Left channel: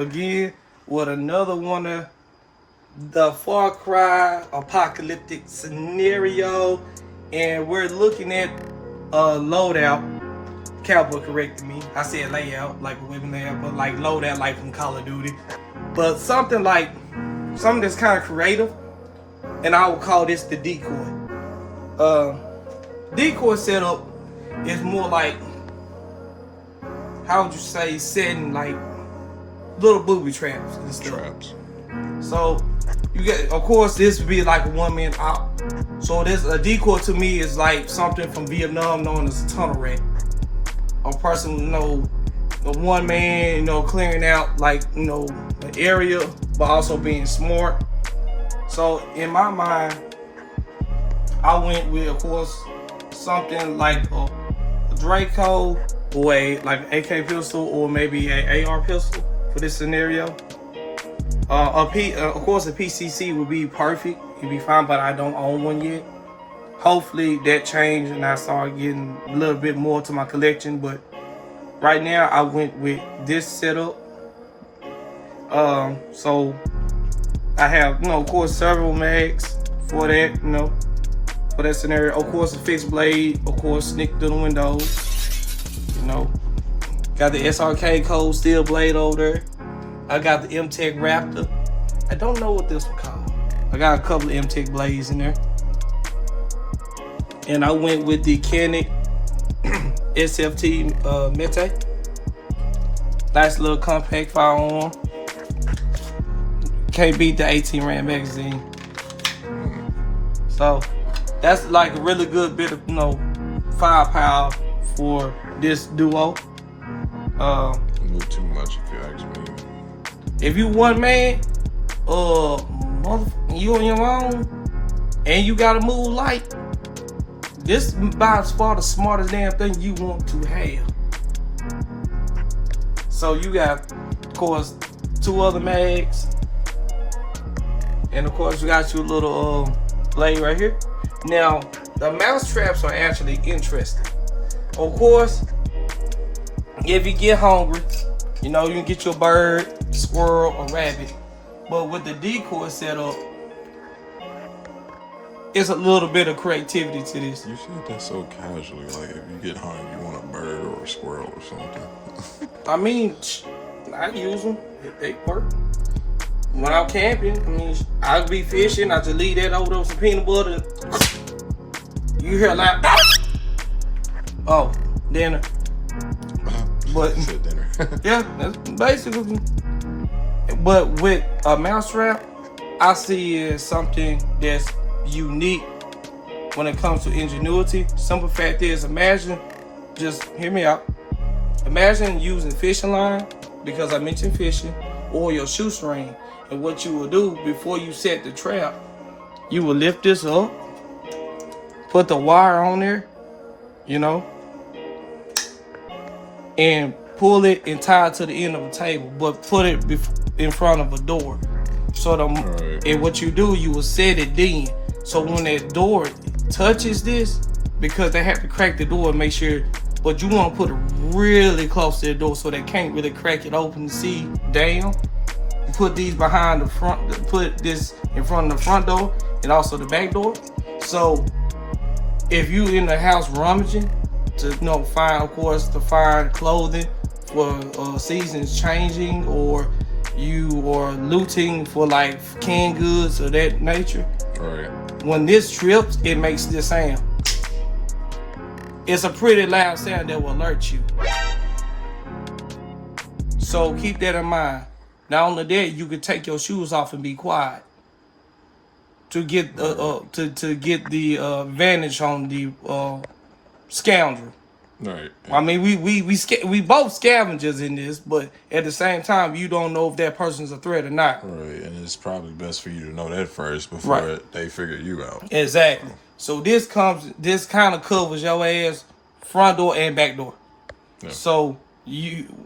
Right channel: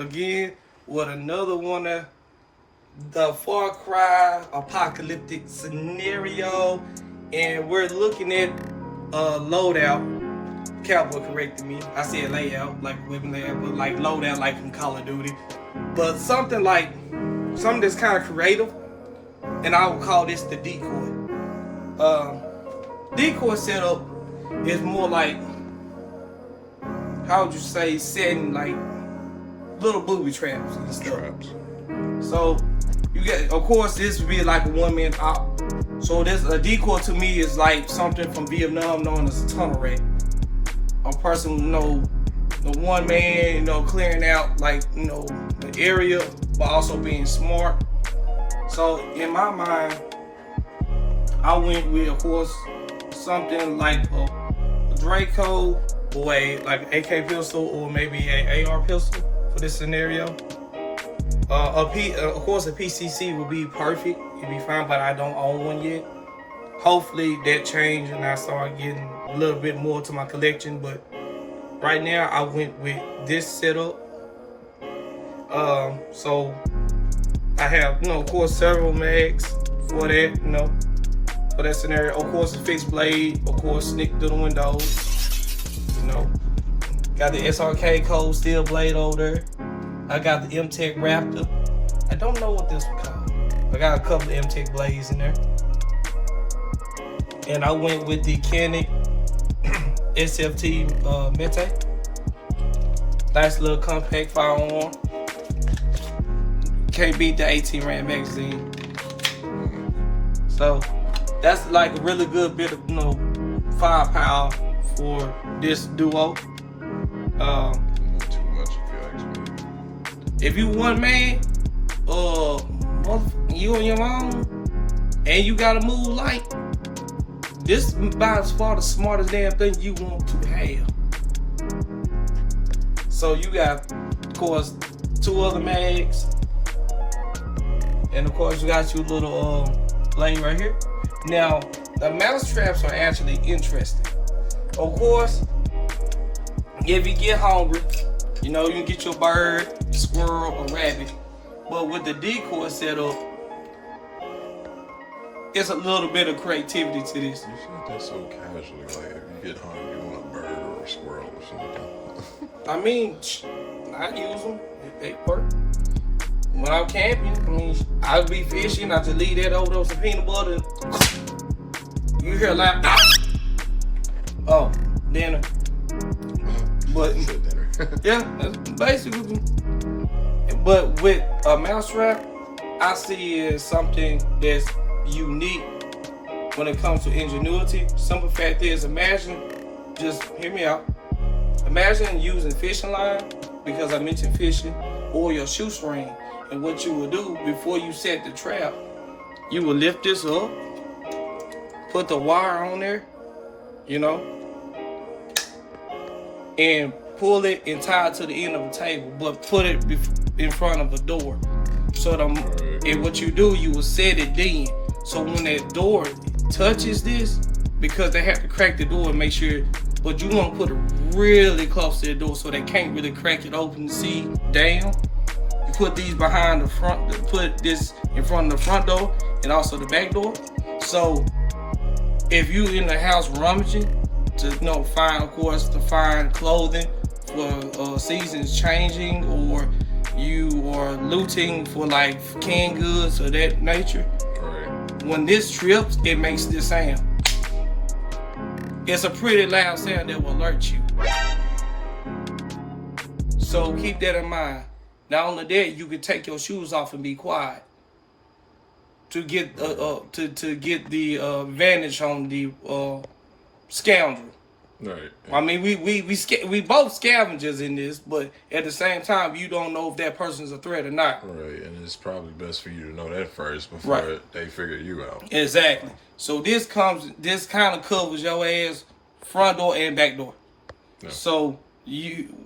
again with another one of the Far Cry Apocalyptic scenario, and we're looking at Loadout. Cowboy corrected me. I said layout, like a living layout, but like Loadout, like from Call of Duty. But something that's kind of creative, and I would call this the Decoy. Decoy setup is more like, how would you say, setting like little booby traps and stuff. Traps. So you get, of course, this would be like a one-man op. So this a decoy to me is like something from Vietnam known as a tunnel rat. A person, the one man, clearing out like, the area, but also being smart. So in my mind, I went with, of course, something like a Draco or like an AK pistol or maybe an AR pistol for this scenario. Of course, a PCC would be perfect. It'd be fine, but I don't own one yet. Hopefully that changed and I start getting a little bit more to my collection. But right now, I went with this setup. So I have, of course, several mags for that, for that scenario. Of course, a fixed blade. Of course, sneak through the windows. Got the SRK Cold Steel blade over there. I got the M-Tech Raptor. I don't know what this one called. I got a couple of M-Tech blades in there. And I went with the Canon SFT Mete. Nice little compact firearm. Can't beat the 18 round magazine. So that's like a really good bit of firepower for this duo. Move too much if you ask me. If you one man, you on your own, and you gotta move light, this is by far the smartest damn thing you want to have. So you got, of course, 2 other mags, and of course you got your little blade right here. Now the mouse traps are actually interesting. Of course, if you get hungry, you can get your bird, squirrel, or rabbit. But with the decoy setup, it's a little bit of creativity to this. You said that so casually, like if you get hungry, you want a bird or a squirrel or something. I mean, I use them if they work. When I'm camping, I'll be fishing, I just leave that over on some peanut butter. You hear a loud, oh, dinner. But dinner. yeah, that's basically. But with a mouse trap, I see it as something that's unique when it comes to ingenuity. Simple fact is, just hear me out. Imagine using fishing line, because I mentioned fishing, or your shoestring. And what you will do before you set the trap, you will lift this up, put the wire on there, and pull it and tie it to the end of the table, but put it in front of a door. So and what you do, you will set it then. So when that door touches this, because they have to crack the door and make sure, but you want to put it really close to the door so they can't really crack it open to see down. You put these behind the front, put this in front of the front door and also the back door. So if you in the house rummaging to find clothing for seasons changing, or you are looting for like canned goods of that nature. Right. When this trips, it makes this sound. It's a pretty loud sound that will alert you. So keep that in mind. Not only that, you can take your shoes off and be quiet to get to get the advantage on the scoundrel. Right. I mean, we both scavengers in this, but at the same time, you don't know if that person's a threat or not. Right, and it's probably best for you to know that first before they figure you out. Exactly. So this kind of covers your ass front door and back door. Yeah. So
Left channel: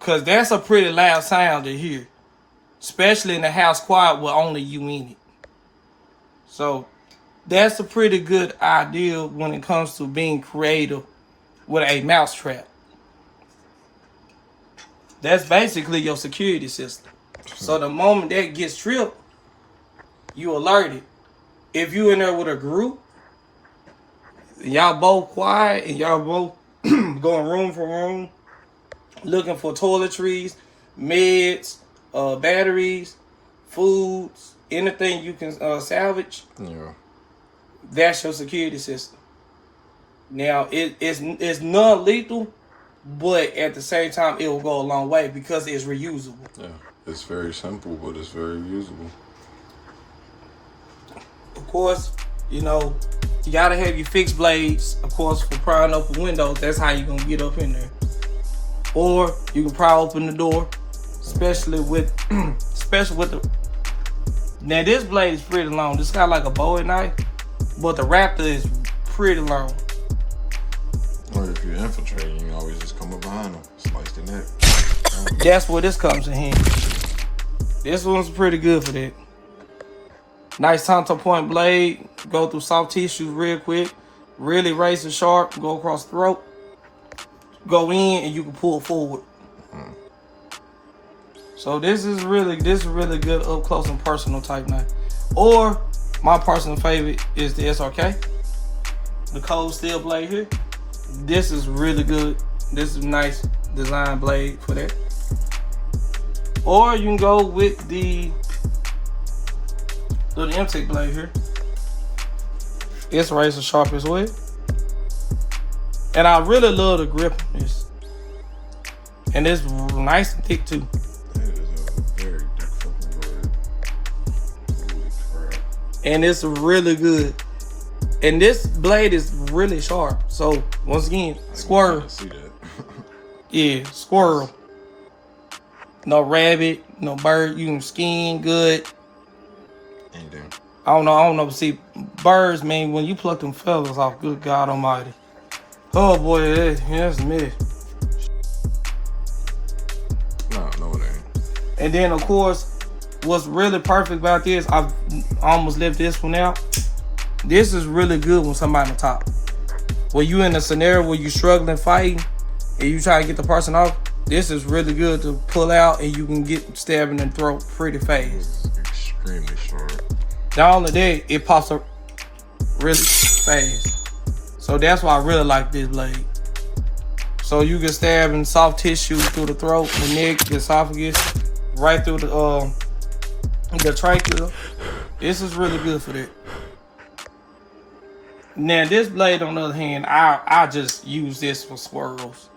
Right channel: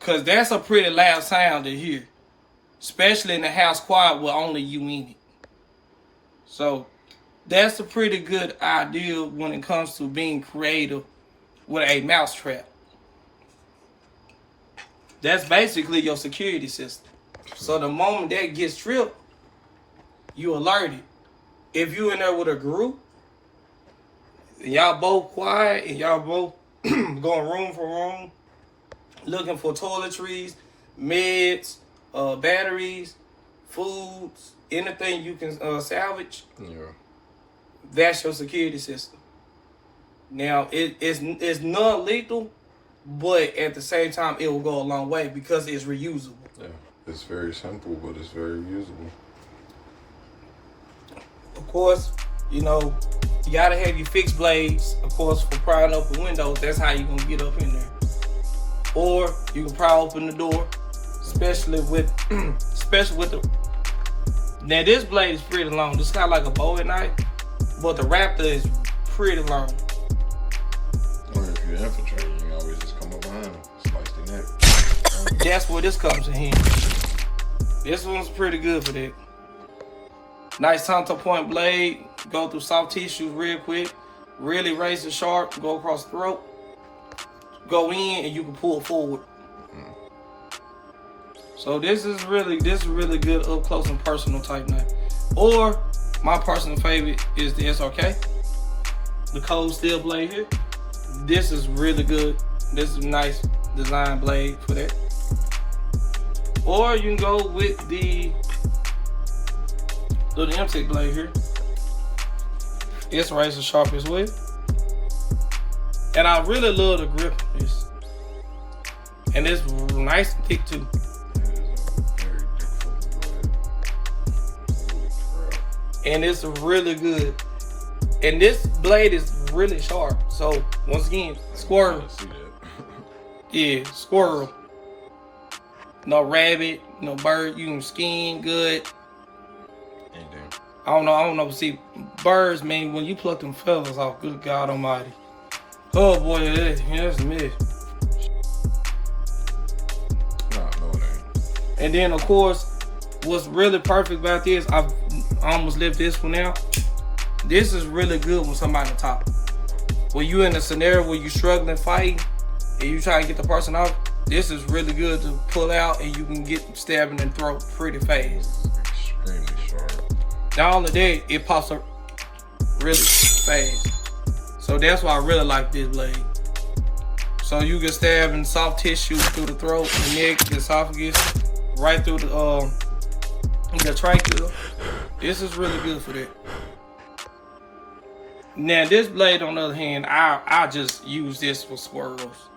cause that's a pretty loud sound to hear, especially in the house quiet with only you in it. So that's a pretty good idea when it comes to being creative with a mouse trap. That's basically your security system. So the moment that gets tripped, you alerted. If you in there with a group, and y'all both quiet, and y'all both going room for room, looking for toiletries, meds, batteries, foods, anything you can salvage. Yeah. That's your security system. Now it's non-lethal, but at the same time it will go a long way because it's reusable. Yeah. It's very simple, but it's very usable. Of course, you know, you gotta have your fixed blades, of course, for prying open windows. That's how you're gonna get up in there. Or you can pry open the door, especially with the. Now this blade is pretty long. This got like a Bowie knife, but the Raptor is pretty long. Or if you're infiltrating, you can always just come up behind them, slice the neck. That's where this comes in handy. This one's pretty good for that. Nice Tonto point blade. Go through soft tissues real quick. Really razor sharp. Go across the throat. Go in and you can pull forward. So this is really good up close and personal type knife. Or my personal favorite is the SRK. The cold steel blade here. This is really good. This is a nice design blade for that. Or you can go with the little MTEC blade here. It's razor sharp as well. And I really love the grip on this. And it's nice and thick too. That is a very thick fucking blade. Holy crap. And it's really good. And this blade is really sharp. So once again, squirrel. I see that. Yeah, squirrel. No rabbit, no bird. You can skin good. Anything. I don't know. See, birds, man, when you pluck them feathers off, good God almighty. Oh boy, that's me. No, it ain't. And then of course, what's really perfect about this, I've almost left this one out. This is really good when somebody on top. When you in a scenario where you struggling fighting and you trying to get the person off, this is really good to pull out and you can get stabbing in the throat pretty fast. It's extremely short. Not only that, it pops up really fast. So that's why I really like this blade. So you can stab in soft tissue through the throat, the neck, the esophagus, right through the trachea. This is really good for that. Now this blade, on the other hand, I just use this for squirrels.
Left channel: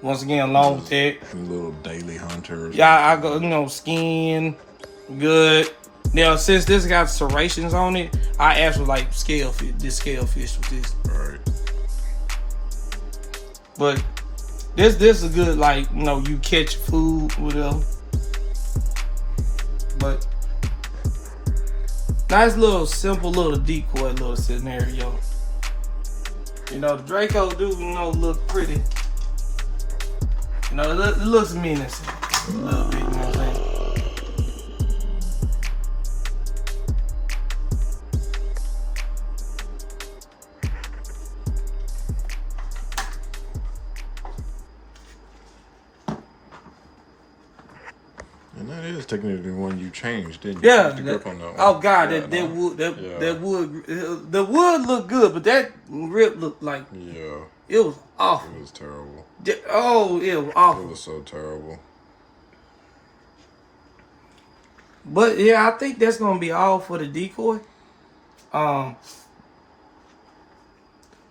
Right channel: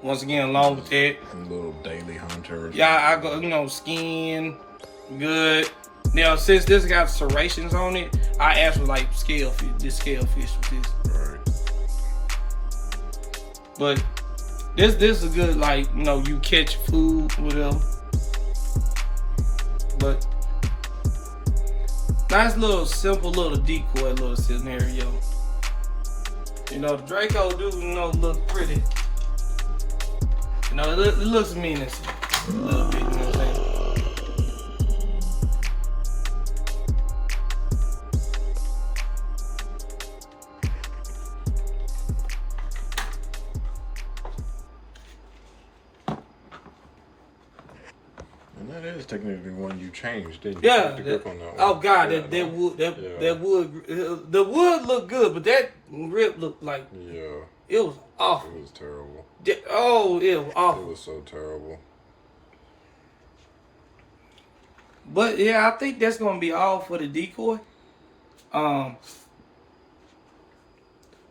Once again, along with that, Some little daily hunters. yeah, I go, skin, good. Now, since this got serrations on it, I actually like scale fish with this. Right. But this is a good, like, you catch food, whatever. But nice little simple little decoy little scenario. The Draco do, look pretty. It looks menacing a little bit, you know what I'm saying? And that is technically one you changed, didn't you? Yeah. Changed the grip on that one. Oh God, Yeah, that wood, yeah. the wood looked good, but that grip looked like Yeah. it was awful. It was terrible. Oh, it was It awful. was so terrible. But yeah, I think that's gonna be all for the decoy. And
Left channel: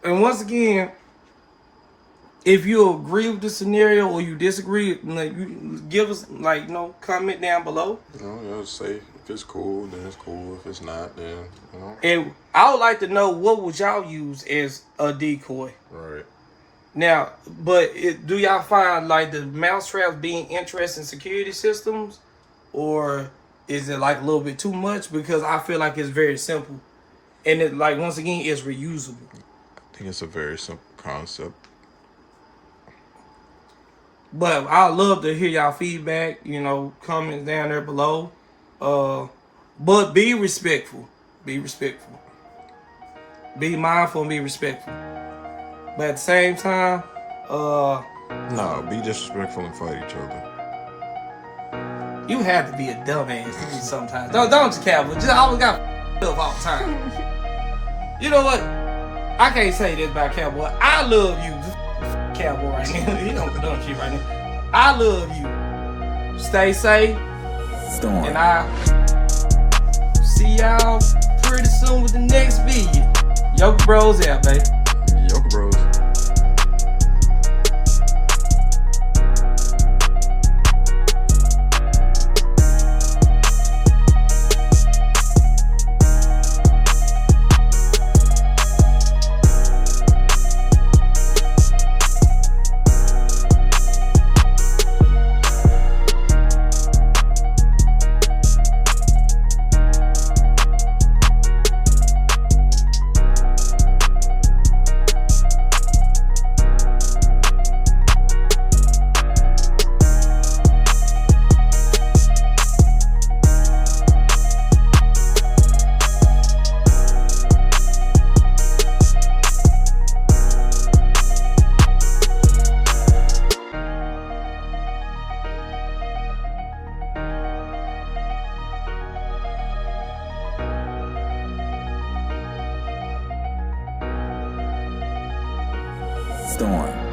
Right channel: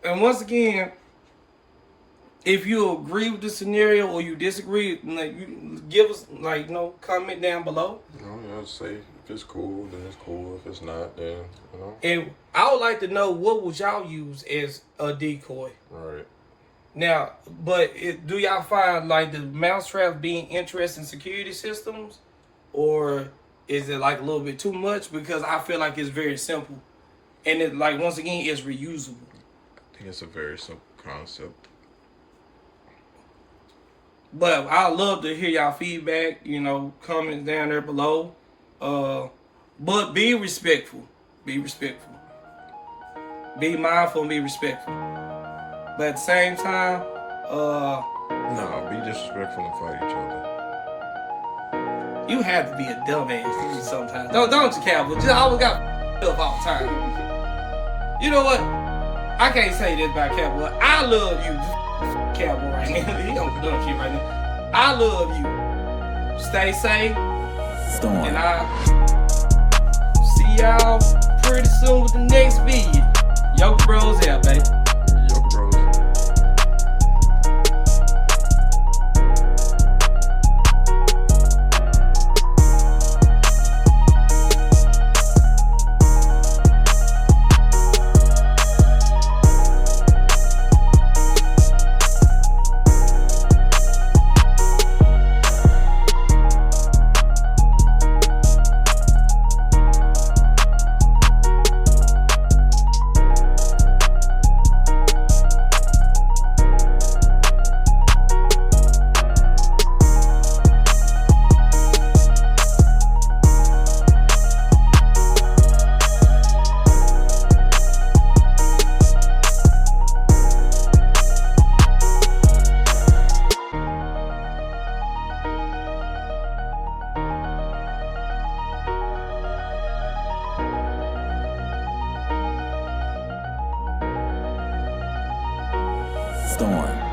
once again, if you agree with the scenario or you disagree, you give us comment down below. Yeah, say if it's cool, then it's cool. If it's not, then And I would like to know what would y'all use as a decoy. Right. Now, but do y'all find like the mousetraps being interesting security systems, or is it like a little bit too much? Because I feel like it's very simple, and it once again it's reusable. I think it's a very simple concept. But I love to hear y'all feedback. Comments down there below. But be respectful. Be respectful. Be mindful and be respectful. But at the same time, No, be disrespectful and fight each other. You have to be a dumbass to me sometimes. Don't you, Cowboy? Just always got up all the time. You know what? I can't say this about Cowboy. I love you, Cowboy, right now. He don't dumb shit right now. I love you. Stay safe. Storm. And I'll see y'all pretty soon with the next video. Yokel Bros out, baby. Yokel Bros. Storm.